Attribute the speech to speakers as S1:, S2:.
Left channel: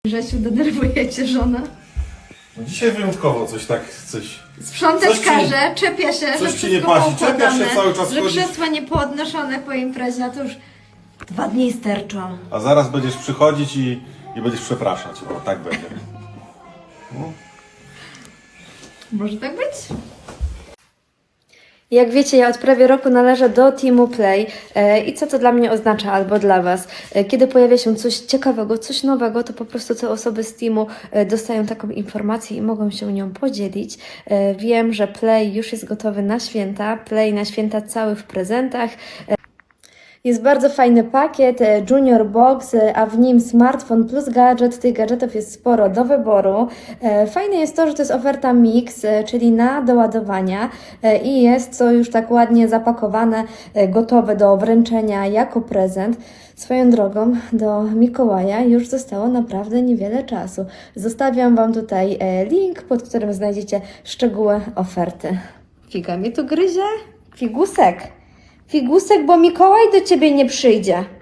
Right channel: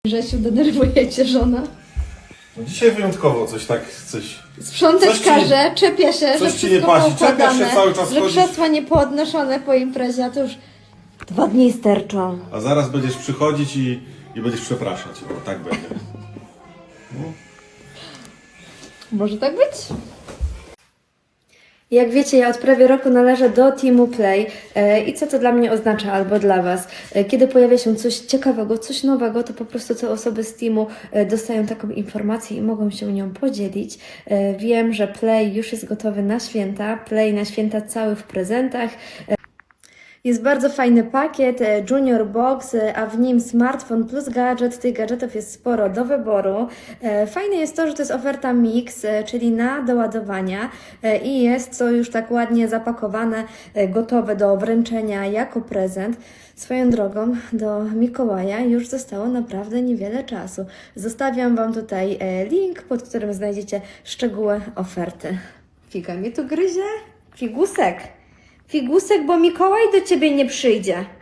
S1: Grzesiu, denerwuje cię żona?
S2: No dzisiaj wyjątkowo coś.
S1: Sprzątać
S2: Coś ci-
S1: każe, czepia się,
S2: coś
S1: że
S2: ci nie
S1: wszystko
S2: pasi, czepiasz się
S1: poukładane,
S2: cały czas,
S1: że
S2: chodzisz.
S1: krzesła nie poodnoszone po imprezie, a to już 2 dni sterczą.
S2: A zaraz będziesz przychodzić i będziesz przepraszać. O, tak będzie.
S1: Może tak być? Jak wiecie, ja od prawie roku należę do Teamu Play i co to dla mnie oznacza albo dla Was? Kiedy pojawia się coś ciekawego, coś nowego, to po prostu te osoby z Teamu dostają taką informację i mogą się nią podzielić. Wiem, że Play już jest gotowy na święta, Play na święta cały w prezentach. Jest bardzo fajny pakiet, Junior Box, a w nim smartfon plus gadżet. Tych gadżetów jest sporo do wyboru. Fajne jest to, że to jest oferta mix, czyli na doładowania i jest to już tak ładnie zapakowane, gotowe do wręczenia jako prezent. Swoją drogą do Mikołaja już zostało naprawdę niewiele czasu. Zostawiam Wam tutaj link, pod którym znajdziecie szczegóły oferty. Figa mnie tu gryzie? Figusek! Figusek, bo Mikołaj do Ciebie nie przyjdzie.